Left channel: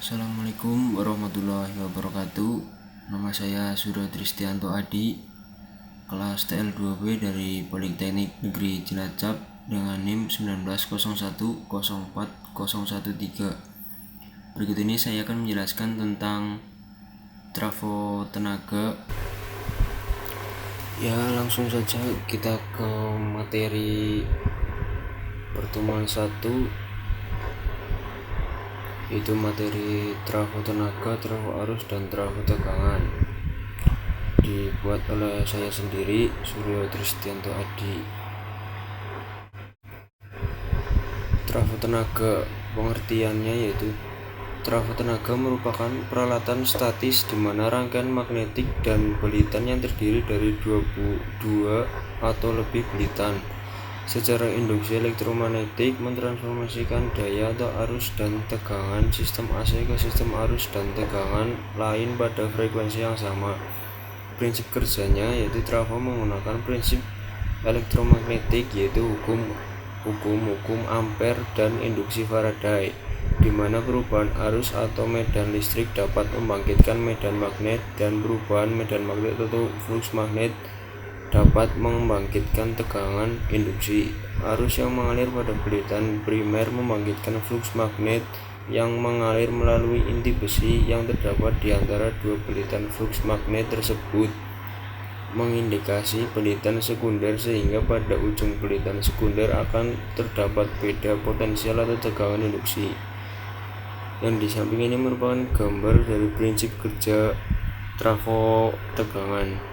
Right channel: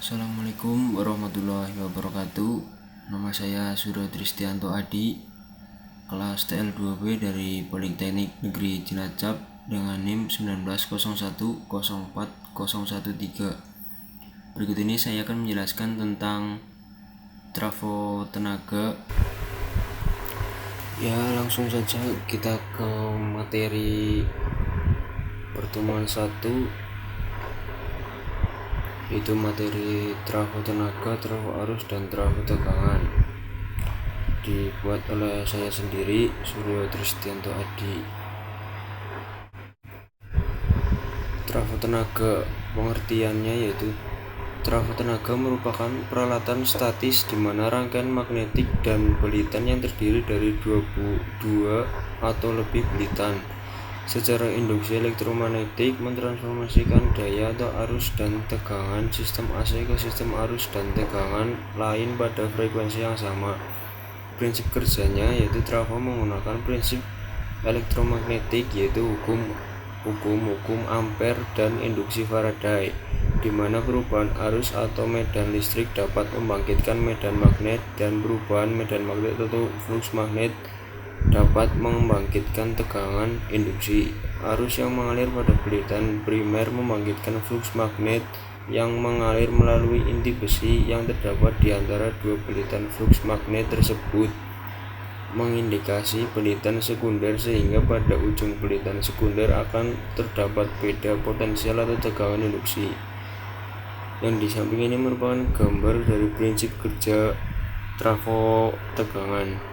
Assalamualaikum warahmatullahi wabarakatuh. Nama saya Suryo Tristianto Adi, kelas TL2B dari Politeknik Negeri Cilacap dengan NIM 1901040013. Berikut ini saya akan menjelaskan tentang trafo tenaga. Ya, langsung saja kita ke materi pertemuan 1, yaitu materi trafo tenaga, trafo arus, dan trafo tegangan. Dibuat oleh saya sendiri, Suryo Tristianto Adi. Trafo tenaga, pengertiannya yaitu trafo tenaga merupakan peralatan statis di mana rangkaian magnetik dan belitan yang terdiri dari dua atau lebih belitan secara induksi elektromagnetik mentransformasikan daya atau arus dan tegangan sistem AC ke sistem arus dan tegangan lain pada frekuensi yang sama. Prinsip kerjanya yaitu trafo menggunakan prinsip elektromagnetik, yaitu hukum Ampere dan induksi Faraday, di mana perubahan arus atau medan listrik dapat membangkitkan medan magnet dan perubahan medan magnet atau flux magnet dapat membangkitkan tegangan induksi. Arus yang mengalir pada belitan primer membangkitkan flux magnet yang mengalir melalui inti besi yang terdapat di antara dua belitan flux magnet tersebut, mengindikasi belitan sekunder, sehingga pada ujung belitan sekunder akan terdapat beda potensial atau tegangan induksi. Yang di samping ini merupakan gambar dari prinsip kerja trafo tegangan.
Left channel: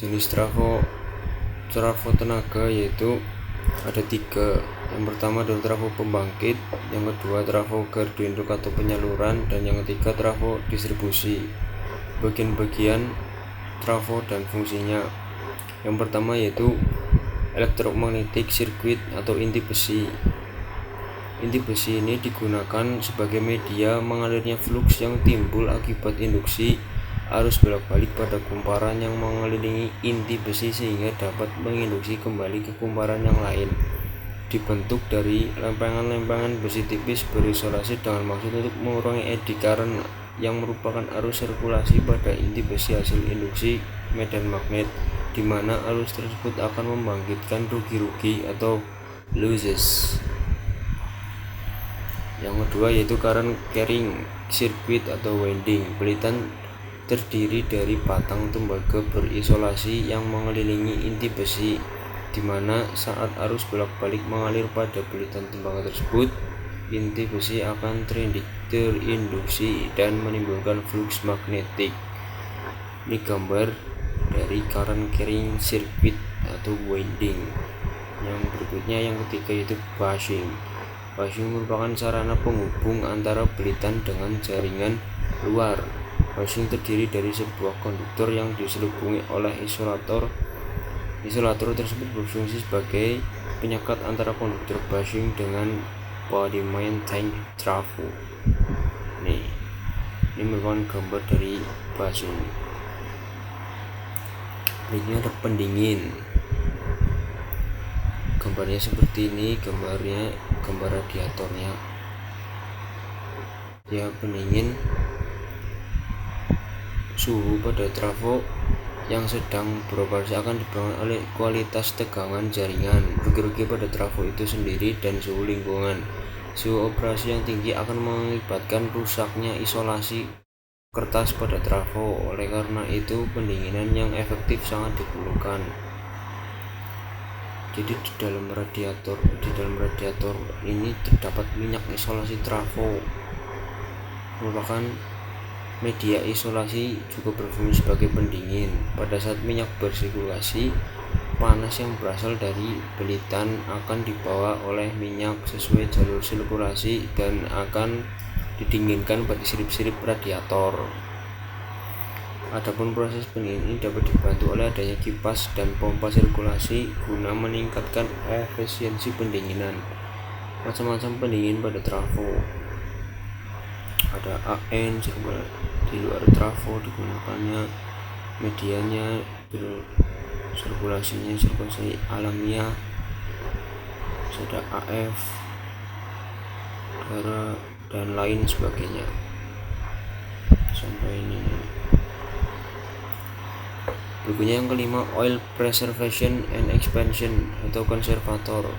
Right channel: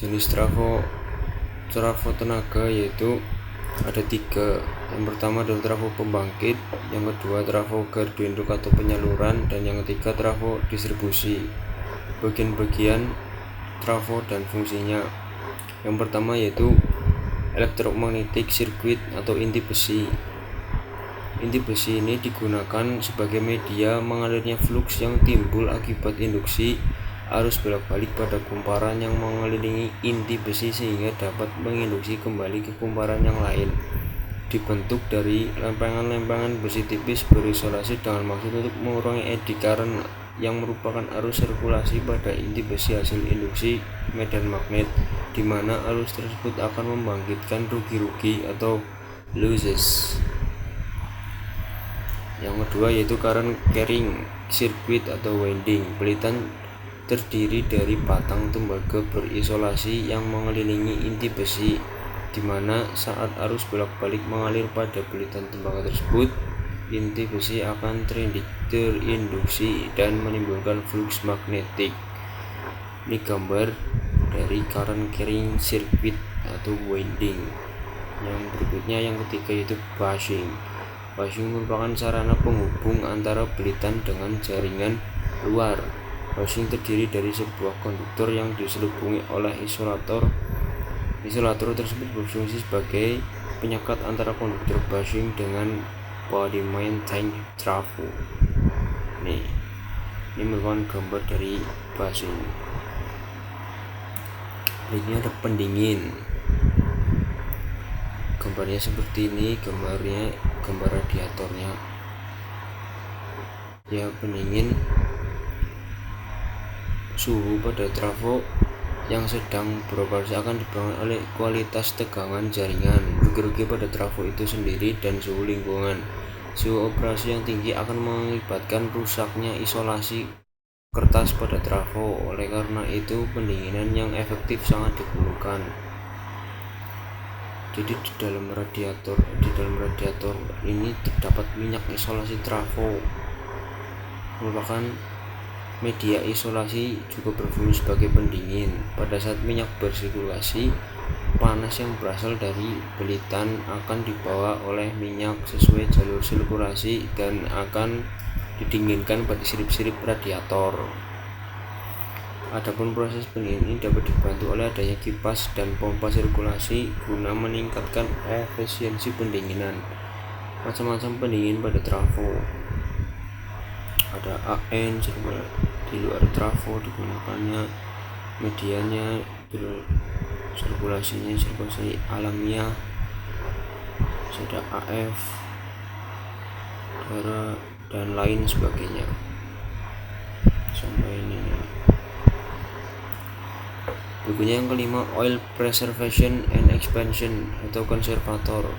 Jenis trafo tenaga yaitu ada 3. Yang pertama adalah trafo pembangkit, yang kedua trafo gardu induk atau penyaluran, dan yang ketiga trafo distribusi. Bagian-bagian trafo dan fungsinya. Yang pertama yaitu electromagnetic circuit atau inti besi. Inti besi ini digunakan sebagai media mengalirnya flux yang timbul akibat induksi arus bolak-balik pada kumparan yang mengelilingi inti besi sehingga dapat menginduksi kembali ke kumparan yang lain. Dibentuk dari lempengan-lempengan besi tipis berisolasi dengan maksud untuk mengurangi eddy current yang merupakan arus sirkulasi pada inti besi hasil induksi medan magnet, di mana arus tersebut akan membangkitkan rugi-rugi atau losses. Yang kedua yaitu current carrying circuit atau winding. Belitan terdiri dari batang tembaga berisolasi yang mengelilingi inti besi, di mana saat arus bolak-balik mengalir pada belitan tembaga tersebut, inti besi akan terinduksi dan menimbulkan flux magnetik. Ini gambar dari current carrying circuit atau winding. Yang berikutnya, yang ketiga, yaitu bushing. Bushing merupakan sarana penghubung antara belitan dengan jaringan luar. Bushing terdiri dari sebuah konduktor yang diselubungi oleh isolator. Isolator tersebut berfungsi sebagai penyekat antara konduktor bushing dengan body main tank trafo. Ini merupakan gambar dari bushing. Ini ada pendingin. Gambarnya seperti ini, gambar radiatornya. Ya, pendingin suhu pada trafo yang sedang beroperasi akan dipengaruhi oleh kualitas tegangan jaringan, rugi-rugi pada trafo itu sendiri, dan suhu lingkungan. Suhu operasi yang tinggi akan mengakibatkan rusaknya isolasi kertas pada trafo. Oleh karena itu, pendinginan yang efektif sangat diperlukan. Jadi di dalam radiator ini terdapat minyak isolasi trafo, merupakan media isolasi, juga berfungsi sebagai pendingin. Pada saat minyak bersirkulasi, panas yang berasal dari belitan akan dibawa oleh minyak sesuai jalur sirkulasi dan akan didinginkan pada sirip-sirip radiator. Adapun proses pendingin ini dapat dibantu oleh adanya kipas dan pompa sirkulasi guna meningkatkan efisiensi pendinginan. Macam-macam pendingin pada trafo. Ada AN di luar trafo digunakannya, medianya sirkulasi alamiah. Ada AF bara dan lain sebagainya. Sampai ini nih. Berikutnya yang kelima, oil preservation and expansion atau konservator.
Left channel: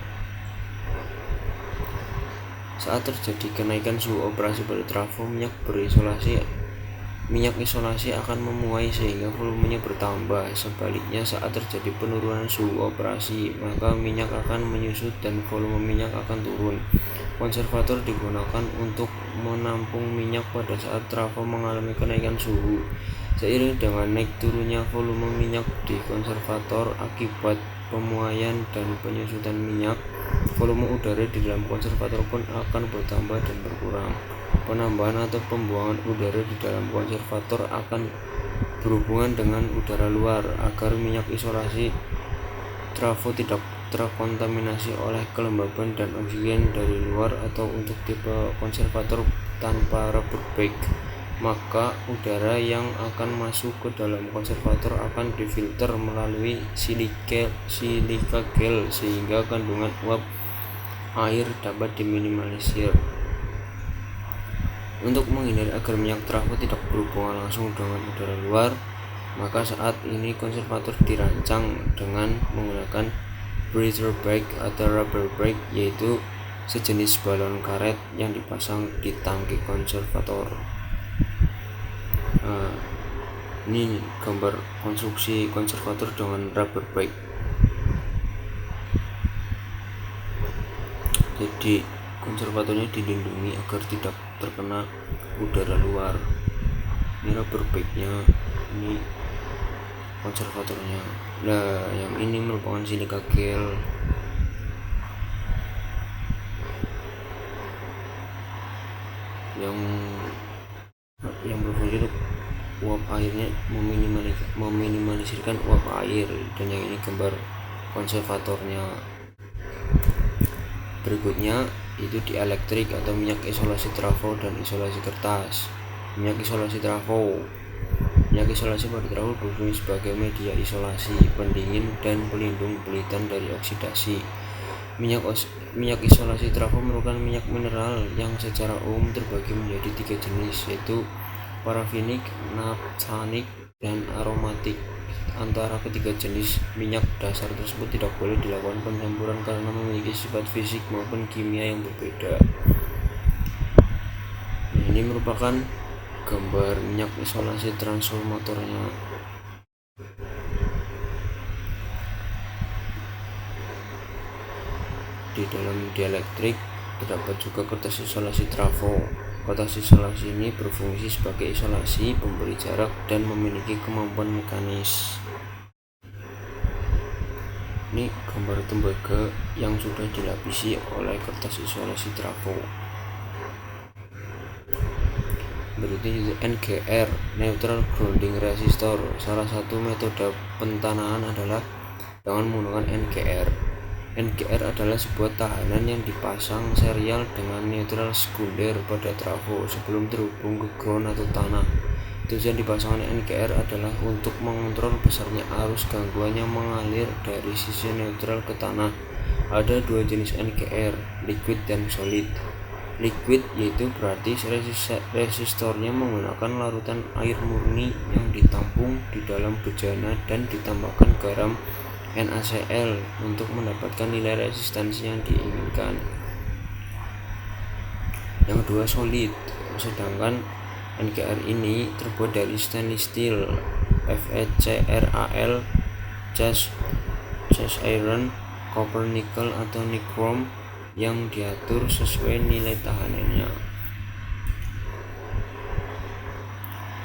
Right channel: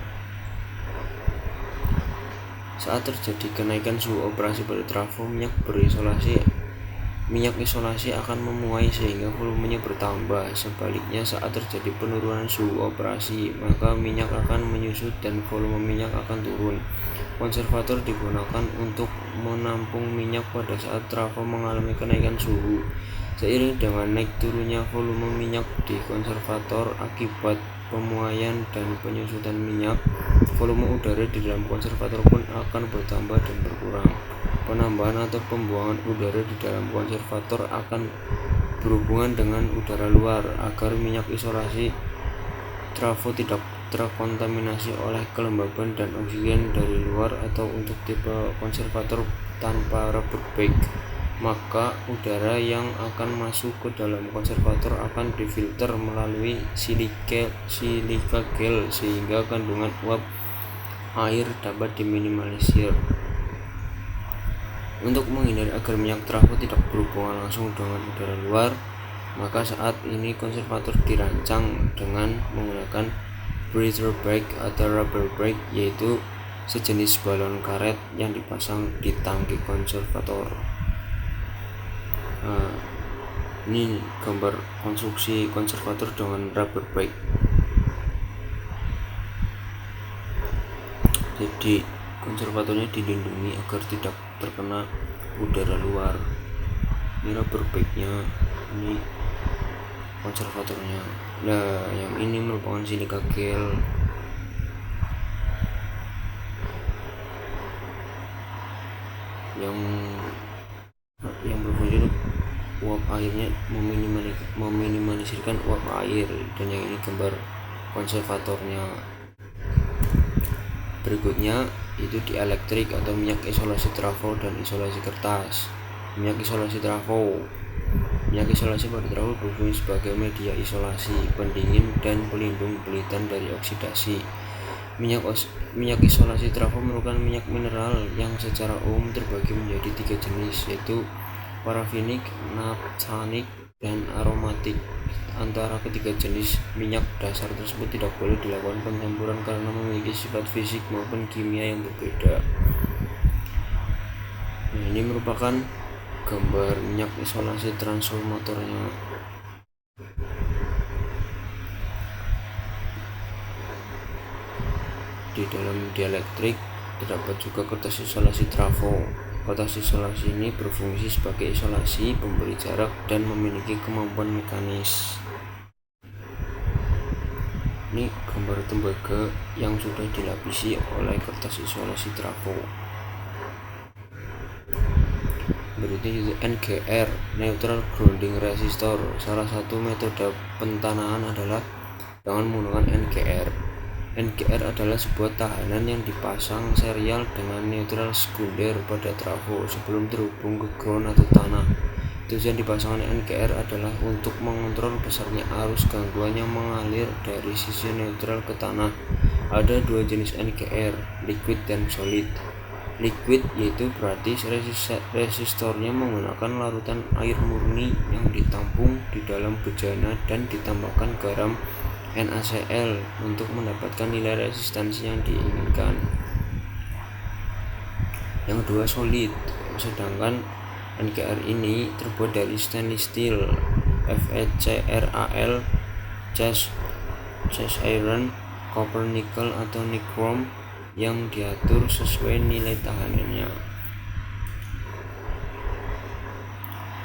Saat terjadi kenaikan suhu operasi pada trafo, minyak isolasi akan memuai sehingga volumenya bertambah. Sebaliknya, saat terjadi penurunan suhu operasi, maka minyak akan menyusut dan volume minyak akan turun. Konservator digunakan untuk menampung minyak pada saat trafo mengalami kenaikan suhu. Seiring dengan naik turunnya volume minyak di konservator akibat pemuaian dan penyusutan minyak, volume udara di dalam konservator pun akan bertambah dan berkurang. Penambahan atau pembuangan udara di dalam konservator akan berhubungan dengan udara luar agar minyak isolasi trafo tidak terkontaminasi oleh kelembaban dan oksigen dari luar, atau untuk tipe konservator tanpa rubber bag, maka udara yang akan masuk ke dalam konservator akan difilter melalui silika gel sehingga kandungan uap air dapat diminimalisir. Untuk menghindari agar minyak trafo tidak berhubungan langsung dengan udara luar, maka saat ini konservator dirancang dengan menggunakan breather bag atau rubber bag, yaitu sejenis balon karet yang dipasang di tangki konservator. Ini gambar konstruksi konservator dengan rubber bag. Jadi konservatornya dilindungi agar tidak terkena udara luar. Ini rubber bagnya, ini konservatornya. Nah, yang ini merupakan silika gel. Yang berfungsi untuk uap airnya, meminimalisirkan uap air. Dan yang ini gambar konservatornya. Berikutnya itu dielektrik atau minyak isolasi trafo dan isolasi kertas. Minyak isolasi trafo. Minyak isolasi pada trafo berfungsi sebagai media isolasi, pendingin, dan pelindung pelitan dari oksidasi. Minyak isolasi trafo merupakan minyak mineral yang secara umum terbagi menjadi 3 jenis, yaitu parafinik, naphthanik, dan aromatik. Antara ketiga jenis minyak dasar tersebut tidak boleh dilakukan pencampuran karena memiliki sifat fisik maupun kimia yang berbeda. Nah, ini merupakan gambar minyak isolasi transformatornya. Di dalam dielektrik terdapat juga kertas isolasi trafo. Kertas isolasi ini berfungsi sebagai isolasi, pemberi jarak, dan memiliki kemampuan mekanis. Ini gambar tembaga yang sudah dilapisi oleh kertas isolasi trafo. Berikutnya itu NGR, Neutral Grounding Resistor. Salah satu metode pentanahan adalah dengan menggunakan NGR. NGR adalah sebuah tahanan yang dipasang serial dengan neutral sekunder pada trafo sebelum terhubung ke ground atau tanah. Tujuan dipasangkan NGR adalah untuk mengontrol besarnya arus gangguan yang mengalir dari sisi neutral ke tanah. Ada 2 jenis NGR, liquid dan solid. Liquid yaitu berarti resistornya menggunakan larutan air murni yang ditampung di dalam bejana dan ditambahkan garam NaCl untuk mendapatkan nilai resistansi yang diinginkan. Yang kedua solid, sedangkan NGR ini terbuat dari stainless steel, FeCrAl, cast iron, copper, nickel atau nichrome yang diatur sesuai nilai tahanannya.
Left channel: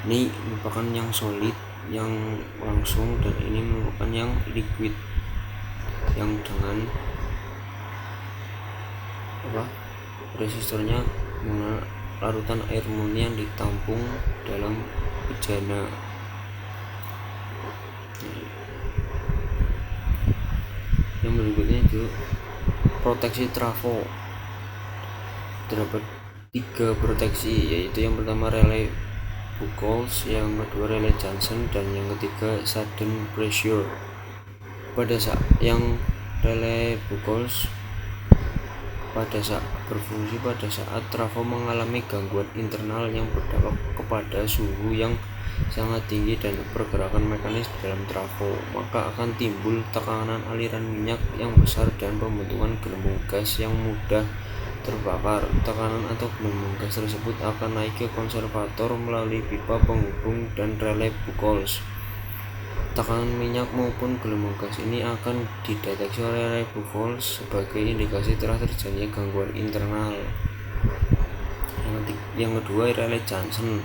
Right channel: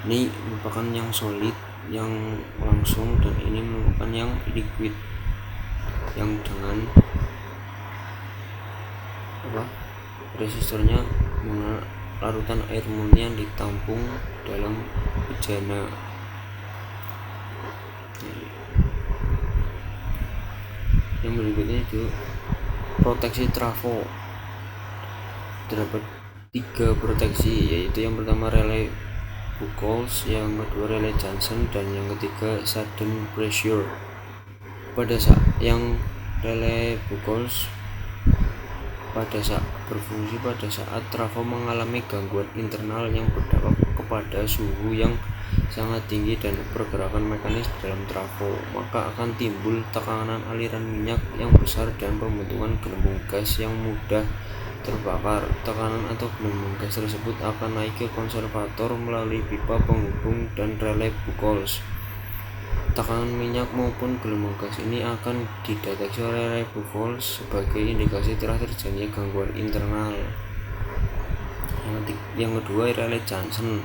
Ini merupakan yang solid, yang langsung, dan ini merupakan yang liquid yang dengan resistornya menggunakan larutan air murni yang ditampung dalam bejana. Yang berikutnya itu proteksi trafo. Terdapat 3 proteksi, yaitu yang pertama relay Buchholz, yang kedua relay Johnson, dan yang ketiga sudden pressure. Pada saat yang relay Buchholz, berfungsi pada saat trafo mengalami gangguan internal yang berdampak kepada suhu yang sangat tinggi dan pergerakan mekanis di dalam trafo, maka akan timbul tekanan aliran minyak yang besar dan pembentukan gelembung gas yang mudah terbakar. Tekanan atau gelembung gas tersebut akan naik ke konservator melalui pipa penghubung dan relay Buchholz. Tekanan minyak maupun gelembung gas ini akan dideteksi oleh relay Buchholz sebagai indikasi telah terjadinya gangguan internal. Yang kedua, relay Johnson.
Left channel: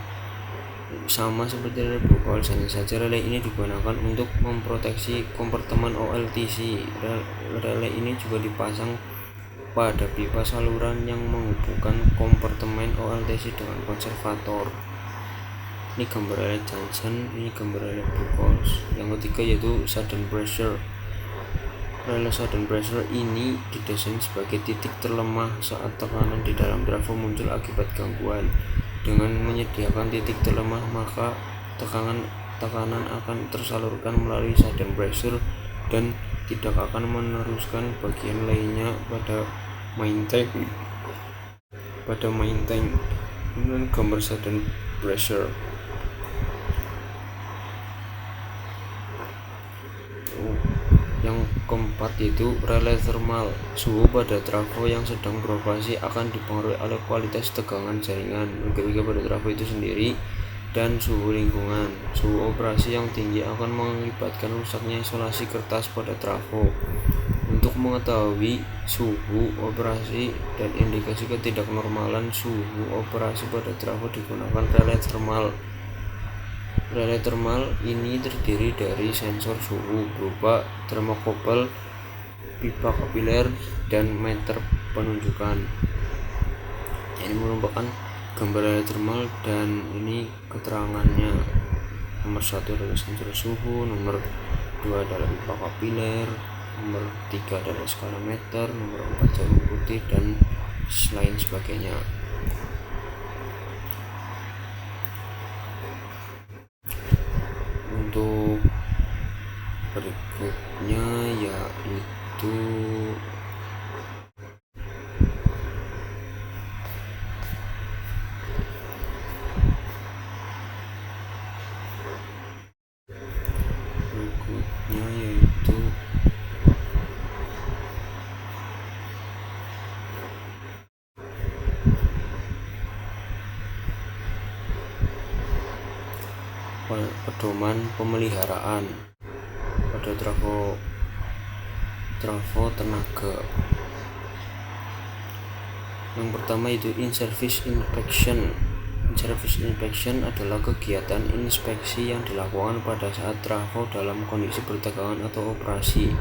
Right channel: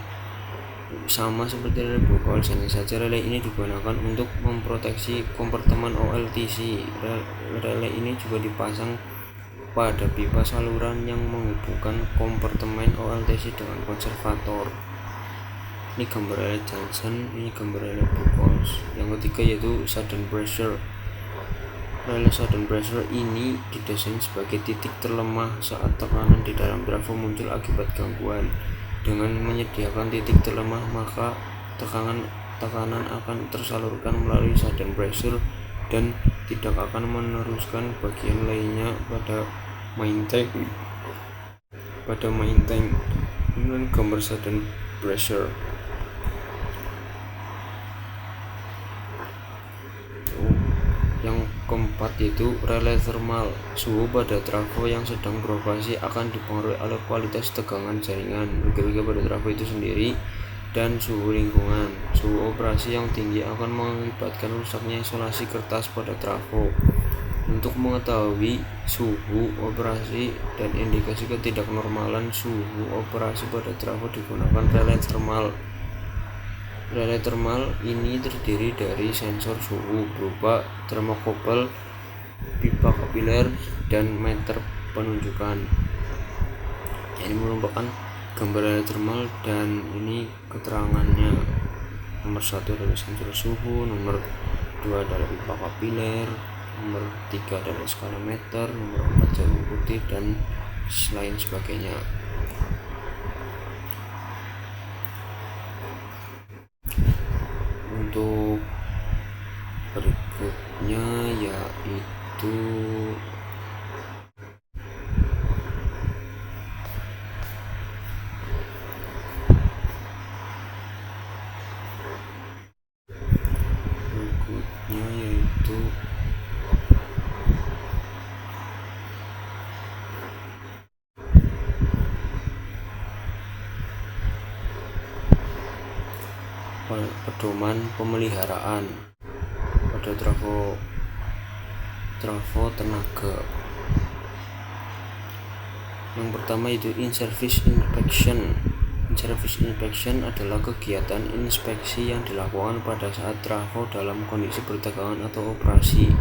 Sama seperti relay Buchholz, hanya saja relay ini digunakan untuk memproteksi kompartemen OLTC. Relay ini juga dipasang pada pipa saluran yang menghubungkan kompartemen OLTC dengan konservator. Ini gambar relay Johnson, ini gambar relay Buchholz. Yang ketiga yaitu sudden pressure. Relay sudden pressure ini didesain sebagai titik terlemah saat tekanan di dalam trafo muncul akibat gangguan. Dengan menyediakan titik terlemah, maka tekanan akan tersalurkan melalui sudden pressure dan tidak akan meneruskan bagian lainnya pada main tank. Kemudian gambar sudden pressure. Yang keempat yaitu relay thermal. Suhu pada trafo yang sedang beroperasi akan dipengaruhi oleh kualitas tegangan jaringan, berbeda pada trafo itu sendiri, dan suhu lingkungan. Suhu operasi yang tinggi akan mengakibatkan rusaknya isolasi kertas pada trafo. Untuk mengetahui suhu operasi dan indikasi ketidaknormalan suhu operasi pada trafo digunakan relay thermal. Relay thermal ini terdiri dari sensor suhu berupa termokouple, pipa kapiler, dan meter penunjukan. Ini merupakan gambar relay thermal dan ini keterangannya. Nomor 1 adalah sensor suhu, nomor 2 adalah pipa kapiler, nomor 3 adalah skala meter, nomor 4 jarum putih, dan lain sebagainya. Untuk berikutnya yaitu pedoman pemeliharaan pada trafo tenaga. Yang pertama itu in-service inspection. In-service inspection adalah kegiatan inspeksi yang dilakukan pada saat trafo dalam kondisi bertegangan atau operasi.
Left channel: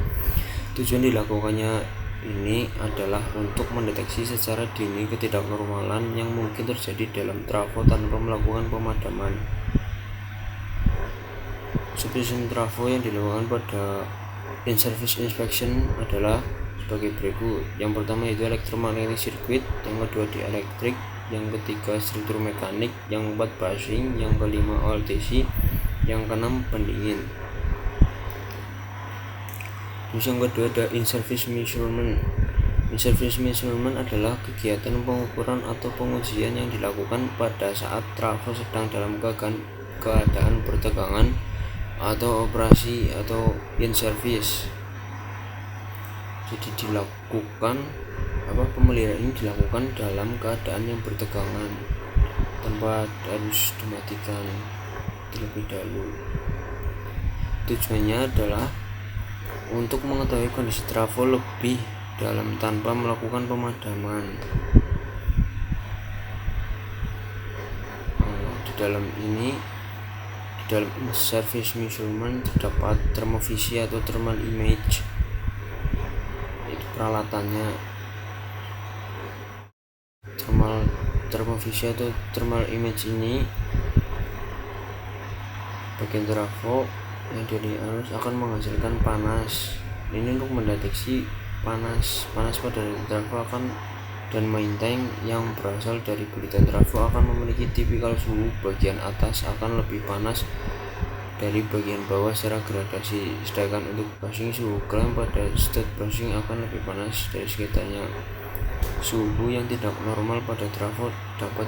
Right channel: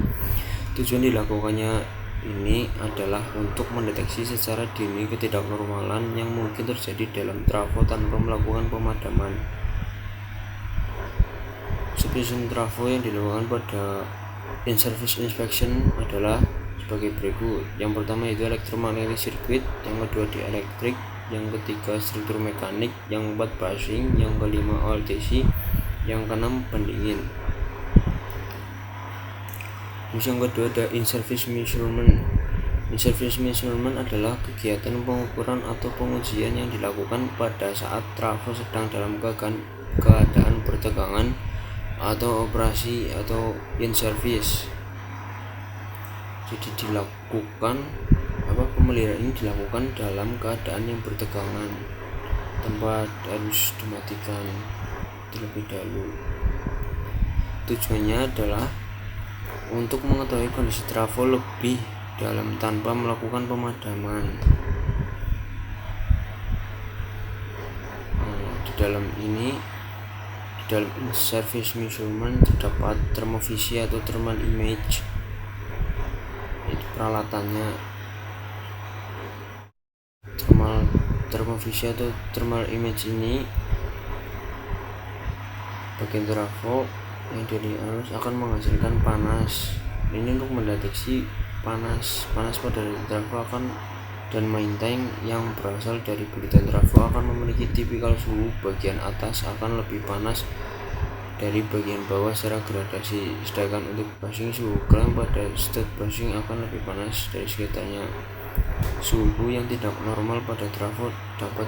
Tujuan dilakukannya ini adalah untuk mendeteksi secara dini ketidaknormalan yang mungkin terjadi dalam trafo tanpa melakukan pemadaman. Subsistem trafo yang dilakukan pada in-service inspection adalah sebagai berikut. Yang pertama yaitu elektromagnetic circuit, yang kedua dielectric, yang ketiga struktur mekanik, yang keempat bushing, yang kelima OLTC, yang keenam pendingin. Terus yang kedua ada in-service measurement. In-service measurement adalah kegiatan pengukuran atau pengujian yang dilakukan pada saat trafo sedang dalam keadaan bertegangan atau operasi atau in service. Jadi pemeliharaan ini dilakukan dalam keadaan yang bertegangan tanpa harus dimatikan terlebih dahulu. Tujuannya adalah untuk mengetahui kondisi trafo lebih dalam tanpa melakukan pemadaman. Di dalam in-service measurement terdapat termovisi atau thermal image. Itu peralatannya. Termovisi atau thermal image ini bagian trafo yang dari arus akan menghasilkan panas. Ini untuk mendeteksi panas pada trafo dan main tank yang berasal dari bulitan trafo akan memiliki tipikal suhu bagian atas akan lebih panas dari bagian bawah secara gradasi, sedangkan untuk bushing suhu klaim pada state bushing akan lebih panas dari sekitarnya. Suhu yang tidak normal pada trafo dapat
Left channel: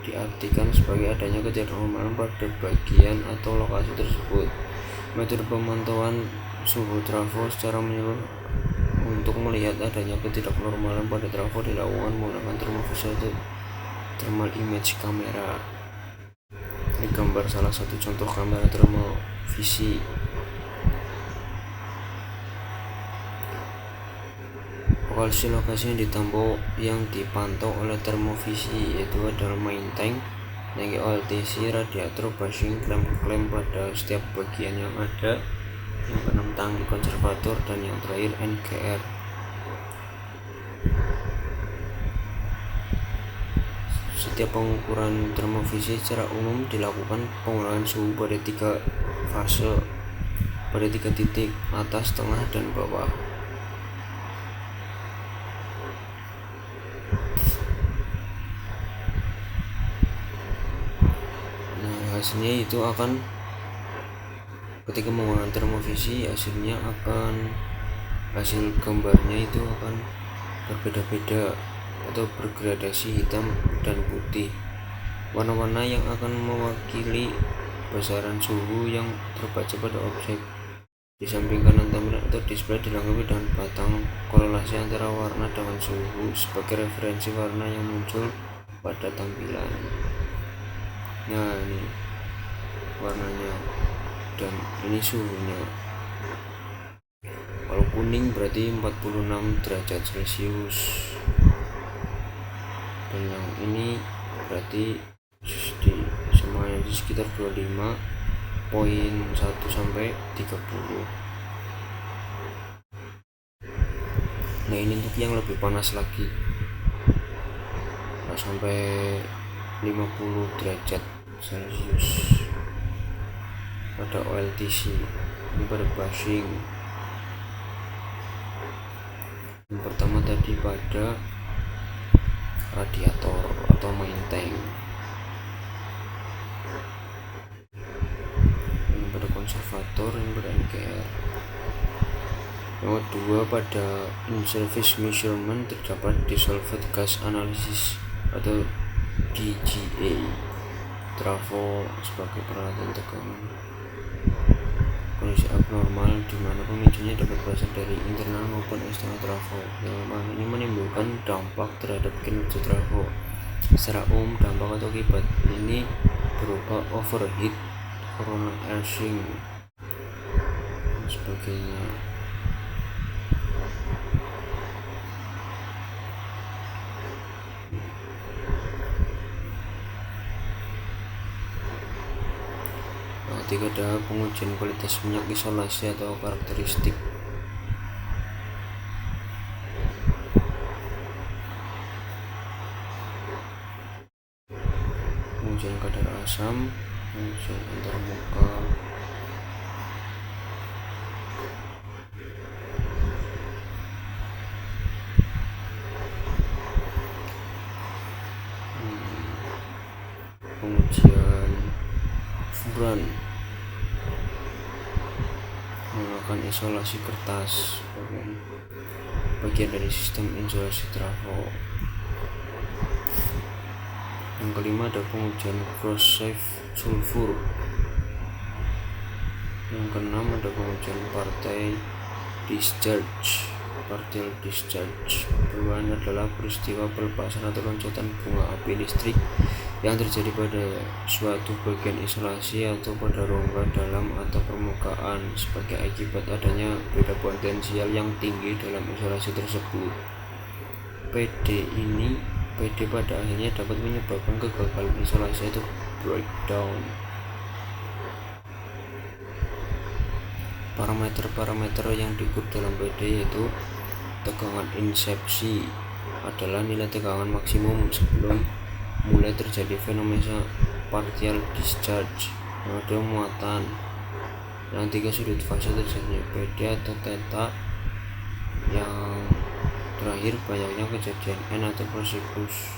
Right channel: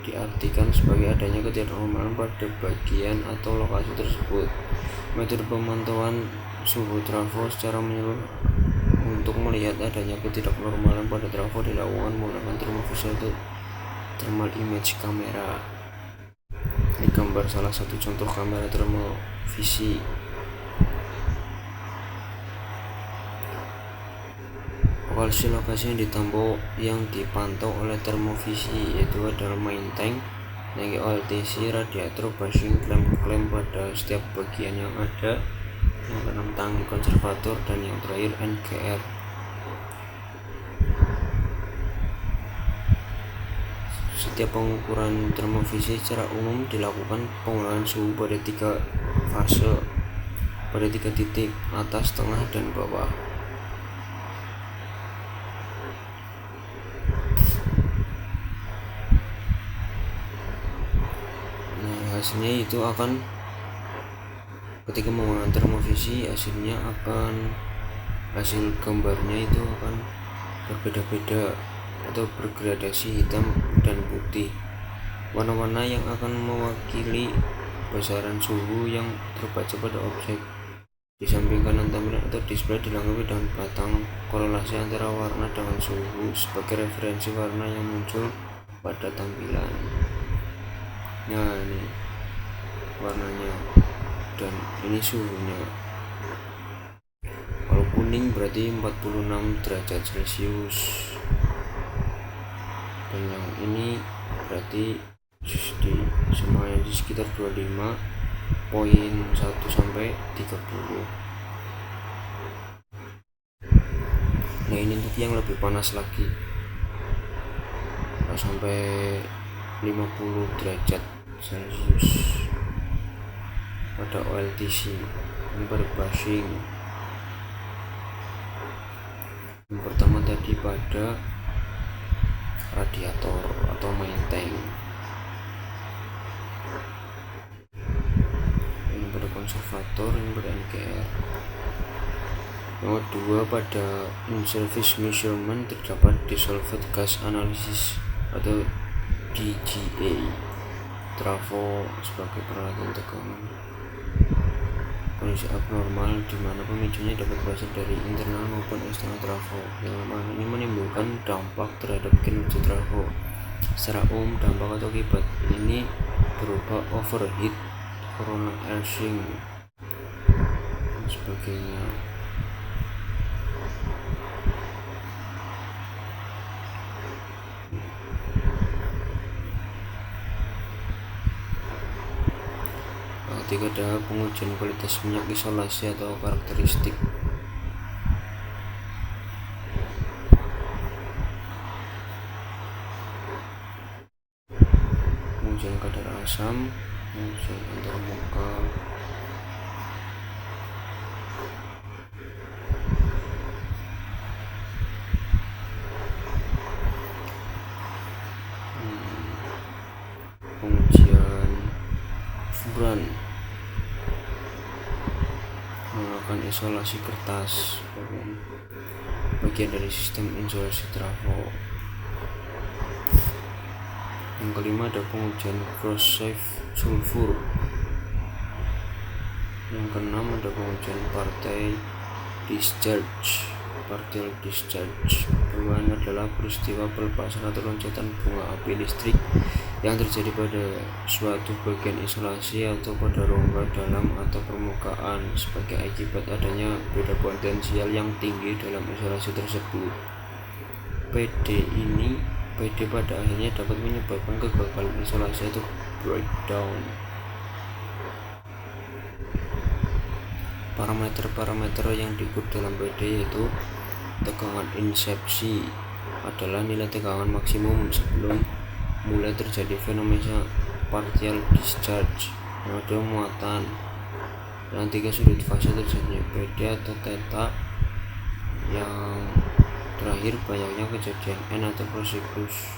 diartikan sebagai adanya ketidaknormalan pada bagian atau lokasi tersebut. Metode pemantauan suhu trafo secara menyeluruh untuk melihat adanya ketidaknormalan pada trafo dilakukan menggunakan termovisor atau thermal image kamera. Ini gambar salah satu contoh kamera termovisi. Lokasi yang dipantau oleh termovisi yaitu adalah main tank, OLTC, radiator, bushing, klem pada setiap bagian yang ada, yang keenam tangki konservator, dan yang terakhir NGR. Setiap pengukuran termovisi secara umum dilakukan pengurangan suhu pada 3 fase, pada 3 titik, atas, tengah, dan bawah. Hasilnya itu akan, ketika menggunakan termovisi, hasil gambarnya itu akan berbeda-beda atau bergradasi hitam dan putih. Warna-warna yang akan mewakili besaran suhu yang terbaca pada objek. Di samping kanan tampilan atau display dilengkapi dengan batang korelasi antara warna dengan suhu sebagai referensi warna yang muncul pada tampilan. Nah, ini warnanya dan ini suhunya. Kalau kuning berarti 46 derajat Celcius, dan yang ini berarti semuanya di sekitar 25.1 sampai 30. Nah, ini untuk yang lebih panas lagi, sampai 50 derajat Celcius pada OLTC. Ini pada bushing. Yang pertama tadi pada radiator atau main tank. Ini pada konservator, ini pada NGR. Yang kedua pada in-service measurement terdapat dissolved gas analysis atau DGA. Trafo sebagai peralatan tegangan kondisi abnormal di mana pemicunya dapat berasal dari internal maupun eksternal trafo. Dalam hal ini menimbulkan dampak terhadap kinerja trafo. Secara umum, dampak atau akibat ini berupa overheat, coronal arcing, dan sebagainya. Ketika ada pengujian kualitas minyak isolasi atau karakteristik. Pengujian kadar asam, pengujian antar muka, pengujian furan, menggunakan isolasi kertas, bagian dari sistem isolasi trafo. Yang kelima ada pengujian cross-safe sulfur. Yang keenam ada pengujian partial discharge. Perubahan adalah peristiwa pelepasan atau loncatan bunga api listrik yang terjadi pada suatu bagian isolasi atau pada rongga dalam atau permukaan sebagai akibat adanya beda potensial yang tinggi dalam isolasi tersebut. PD pada akhirnya dapat menyebabkan kegagalan isolasi atau breakdown. Parameter yang diukur dalam PD yaitu tegangan insepsi adalah nilai tegangan maksimum sebelum mulai terjadi fenomena partial discharge yang ada muatan. Yang 3 sudut fase terjadinya PD atau theta. Yang terakhir banyaknya kejadian N atau siklus.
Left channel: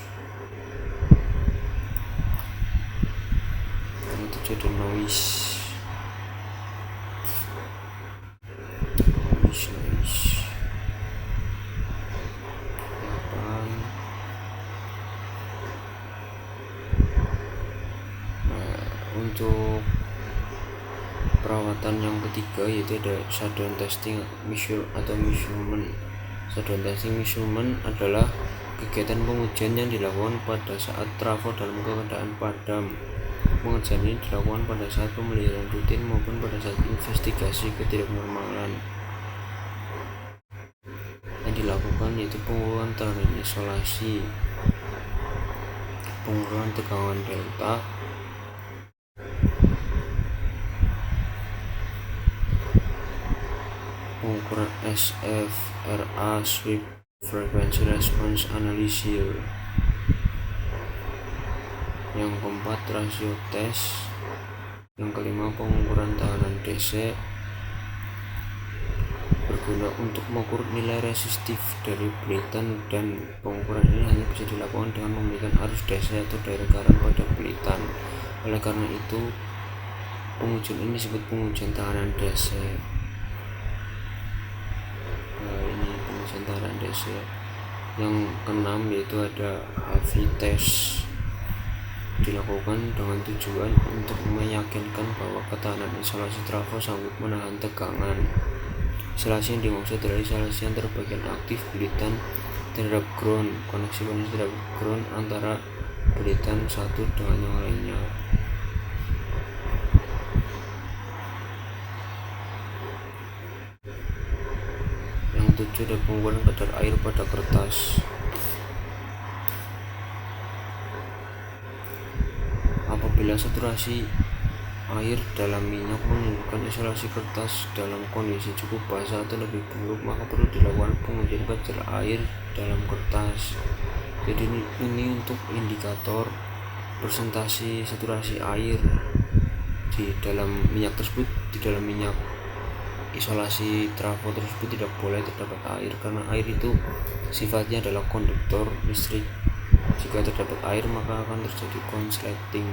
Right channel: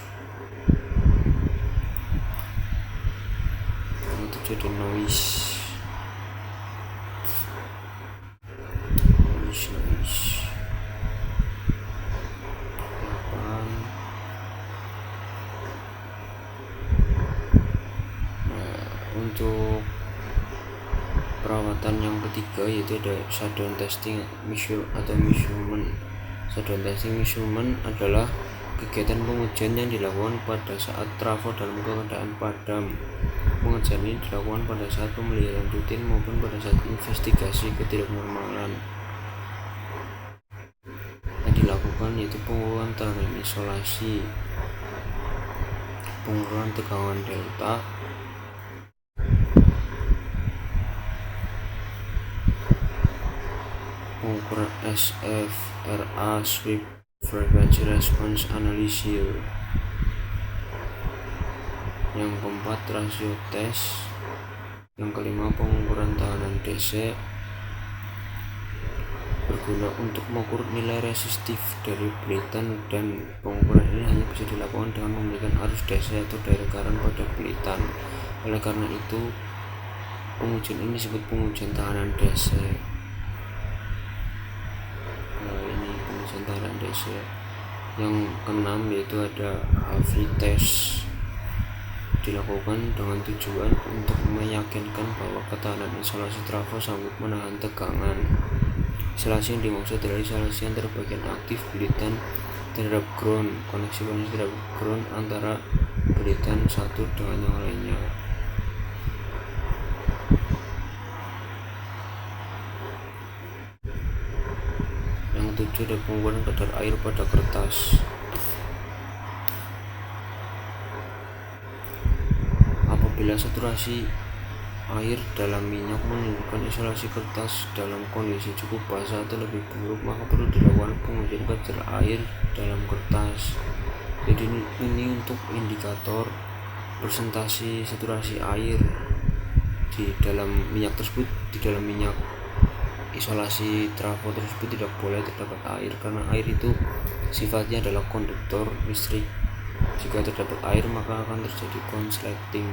Yang terjadi noise. untuk perawatan yang ketiga yaitu ada shutdown testing atau measurement. Shutdown testing measurement adalah kegiatan pengujian yang dilakukan pada saat trafo dalam keadaan padam. Pengerjaan ini dilakukan pada saat pemeliharaan rutin maupun pada saat investigasi ketidaknormalan. Yang dilakukan yaitu pengukuran tekanan isolasi, pengukuran tegangan delta, pengukuran SFRA Sweep Frequency Response Analysis. Yang keempat rasio tes. Yang kelima pengukuran tekanan DC, berguna untuk mengukur nilai resistif dari pelitan, dan pengukuran ini hanya bisa dilakukan dengan memberikan arus DC atau direct current pada pelitan. Oleh karena itu pengujian ini disebut pengujian tekanan DC. Ini pengujian tekanan DC. Yang keenam yaitu ada HV test, dilakukan dengan tujuan untuk meyakinkan bahwa ketahanan isolasi trafo sanggup menahan tegangan. Isolasi yang dimaksud adalah isolasi antar bagian aktif pelitan terhadap ground, koneksi terhadap ground antara pelitan satu dengan yang lainnya. Yang ketujuh ada pengukuran kadar air pada kertas. Apabila saturasi air dalam minyak menunjukkan isolasi kertas dalam kondisi cukup basah atau lebih buruk, maka perlu dilakukan pengujian kadar air dalam kertas. Jadi ini untuk indikator presentasi saturasi air di dalam minyak tersebut. Di dalam minyak isolasi trafo tersebut tidak boleh terdapat air, karena air itu sifatnya adalah konduktor listrik. Jika terdapat air maka akan terjadi konsleting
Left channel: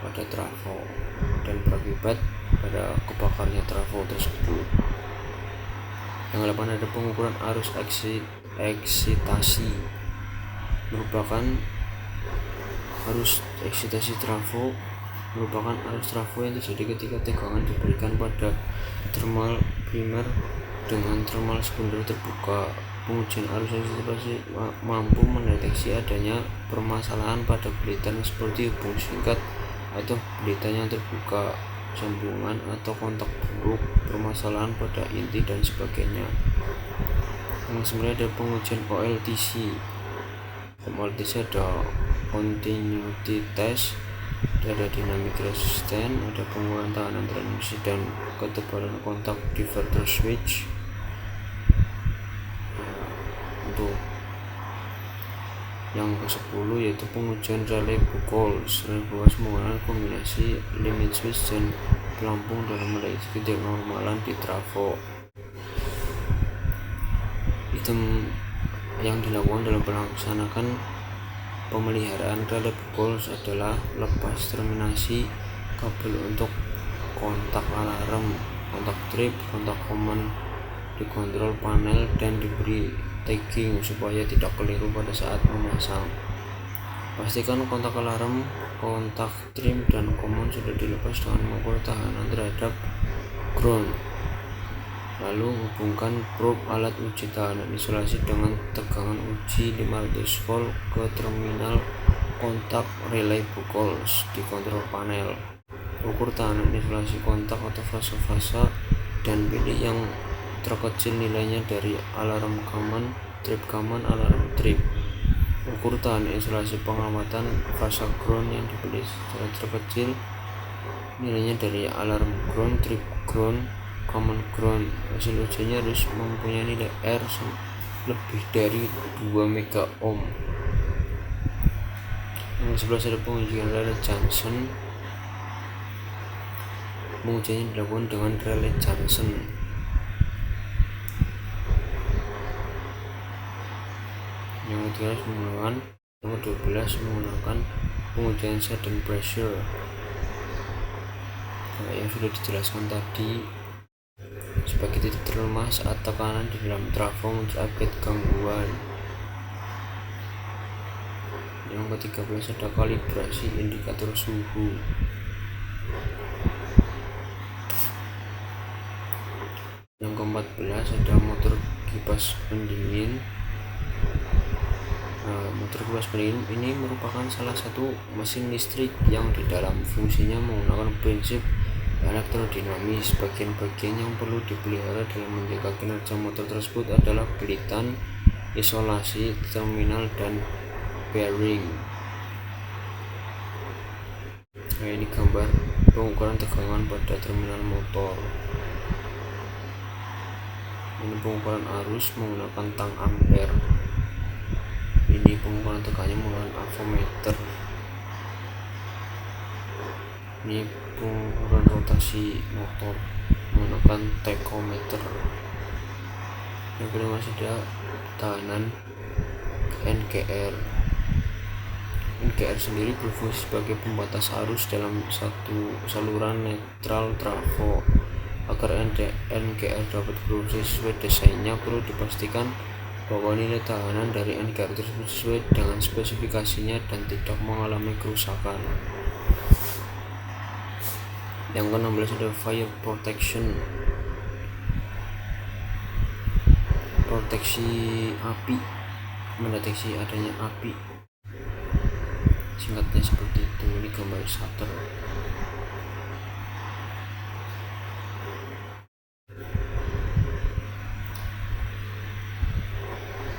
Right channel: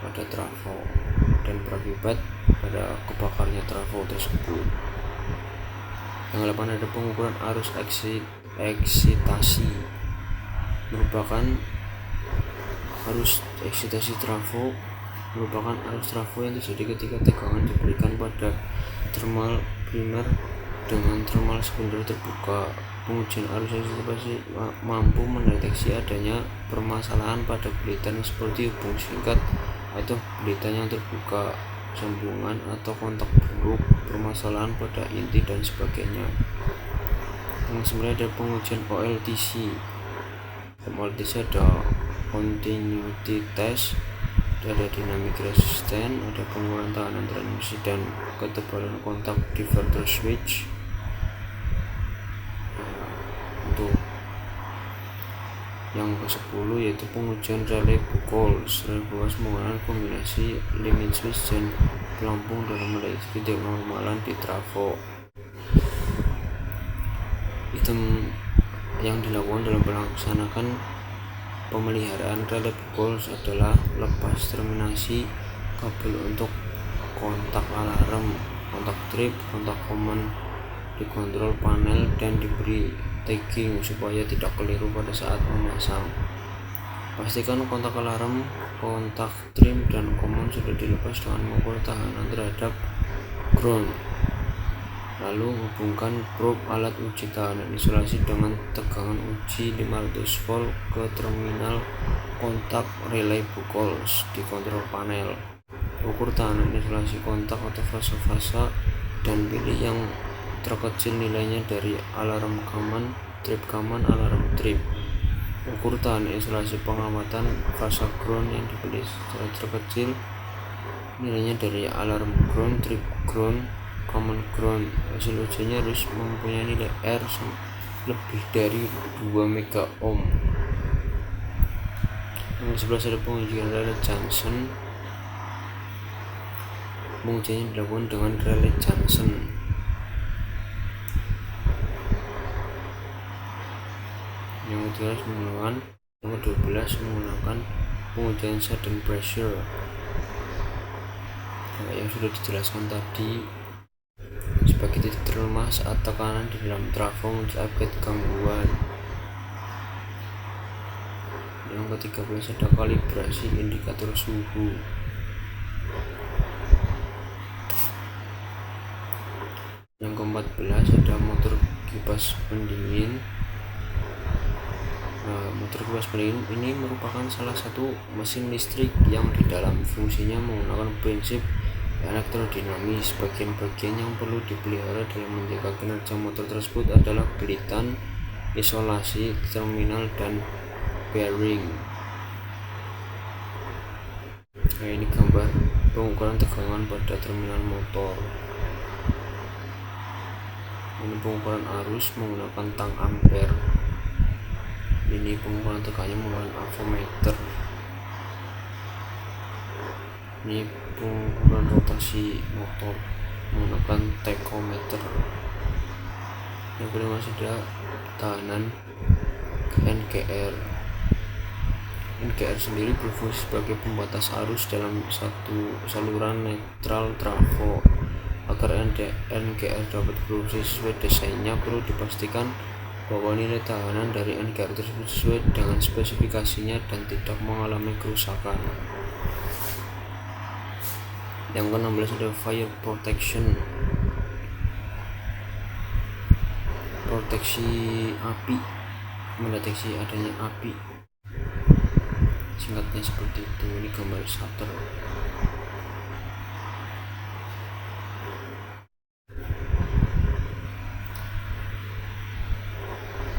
pada trafo dan berakibat pada kebakarnya trafo tersebut. Yang ke-8 ada pengukuran arus eksitasi, merupakan arus eksitasi trafo merupakan arus trafo yang terjadi ketika tegangan diberikan pada termal primer dengan termal sekunder terbuka. Pengujian arus eksitasi mampu mendeteksi adanya permasalahan pada pelitan seperti hubung singkat atau pelitan yang terbuka, sambungan atau kontak buruk, permasalahan pada inti dan sebagainya. Yang sebenarnya ada pengujian OLTC. OLTC ada continuity test, ada dynamic resistance, ada pengukuran tekanan transmisi dan ketebalan kontak diverter switch. Untuk yang ke-10 yaitu pengujian relay Buchholz. Relay Buchholz menggunakan kombinasi limit switch dan pelampung dalam mendeteksi ketidaknormalan di trafo. Item yang dilakukan dalam melaksanakan pemeliharaan relay Buchholz adalah lepas terminasi kabel untuk kontak alarm, kontak trip, kontak common dikontrol panel, dan diberi tagging supaya tidak keliru pada saat memasang. Pastikan kontak alarm, kontak trim, dan common sudah dilepas dengan mengukur tekanan terhadap ground. Lalu hubungkan probe alat uji tekanan isolasi dengan tegangan uji 500 volt ke terminal kontak relay Buchholz di kontrol panel. Ukur tekanan isolasi kontak atau fase-fase dan pilih yang terkecil nilainya dari alarm common, trip common, alarm trip. Ukur tekanan isolasi pengamatan fase ground yang dipilih secara terkecil nilainya dari alarm ground, trip ground, common ground. Hasil ujiannya harus mempunyai nilai R lebih dari 2 mega ohm. Yang 11 ada pengujian relay Johnson. Pengujiannya dilakukan dengan relay Johnson. Yang ke-12 menggunakan pengujian sudden pressure. Yang sudah dijelaskan tadi, sebagai titik terlemah saat tekanan di dalam trafo muncul akibat gangguan. Yang ke-13 ada kalibrasi indikator suhu. ada motor kipas pendingin. Motor kipas pendingin ini merupakan salah satu mesin listrik yang di dalam fungsinya menggunakan prinsip elektrodinamis. Bagian-bagian yang perlu dipelihara dalam menjaga kinerja motor tersebut adalah belitan, isolasi, terminal, dan bearing. Nah, ini gambar pengukuran tegangan pada terminal motor. Ini pengukuran arus menggunakan tang ampere. Ini pengukuran tegangannya menggunakan avometer. Ini pengukuran rotasi motor menggunakan tachometer. Yang kelima sudah tahanan NGR. NGR sendiri berfungsi sebagai pembatas arus dalam satu saluran netral trafo. Agar NGR dapat berfungsi sesuai desainnya, perlu dipastikan bahwa nilai tahanan dari NGR tersebut sesuai dengan spesifikasinya dan tidak mengalami kerusakan. Yang ke-16 ada fire protection. Proteksi api, mendeteksi adanya api, singkatnya seperti itu. Ini gambar shutter.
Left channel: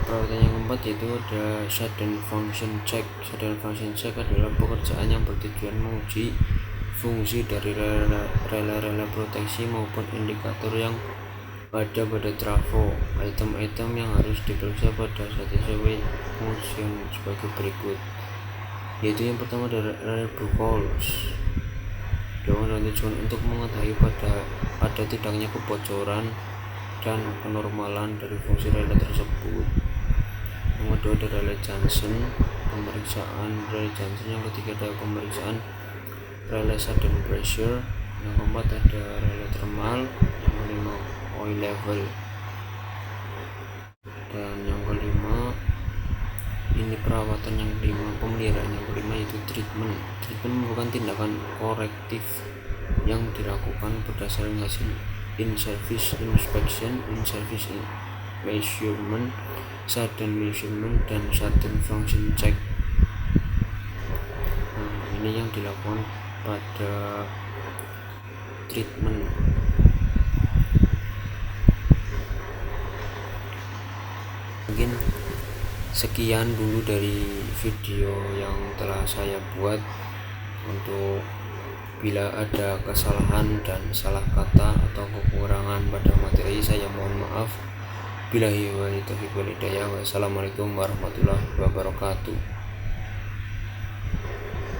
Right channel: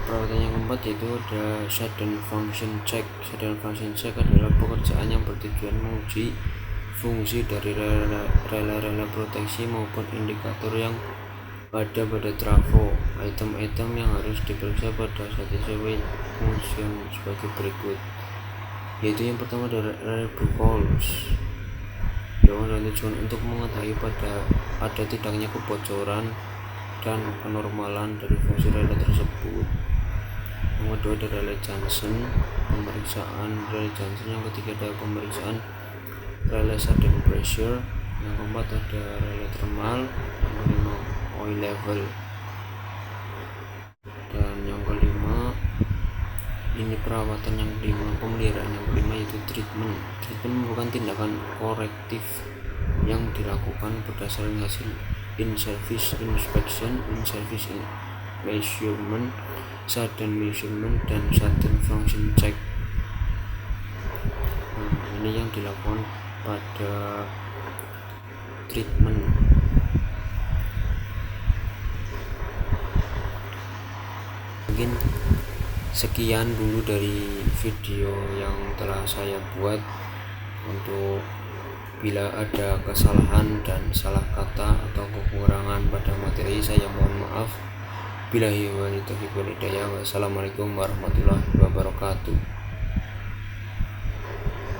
Perawatan yang keempat yaitu ada shutdown function check. Shutdown function check adalah pekerjaan yang bertujuan menguji fungsi dari rela proteksi maupun indikator yang ada pada trafo. Item-item yang harus diperiksa pada saat sesuai fungsi sebagai berikut, yaitu yang pertama adalah reliable calls dengan tujuan untuk mengetahui ada tidaknya kebocoran dan kenormalan dari fungsi relay tersebut. Yang kedua ada relay junction, pemeriksaan relay junction. Yang ketiga ada pemeriksaan relay sudden pressure. Yang keempat ada relay thermal. Yang kelima oil level. Dan yang kelima ini perawatan. Yang kelima pemeliharaan. Yang kelima yaitu treatment. Treatment merupakan tindakan korektif yang dilakukan berdasarkan hasil in-service inspection, in-service measurement, sudden measurement, dan sudden function check. Ini yang dilakukan pada treatment. Mungkin sekian dulu dari video yang telah saya buat. Untuk bila ada kesalahan dan salah kata atau kekurangan pada materi, saya mohon maaf. Billahi wa taufiq wal hidayah. Wassalamualaikum warahmatullahi wabarakatuh.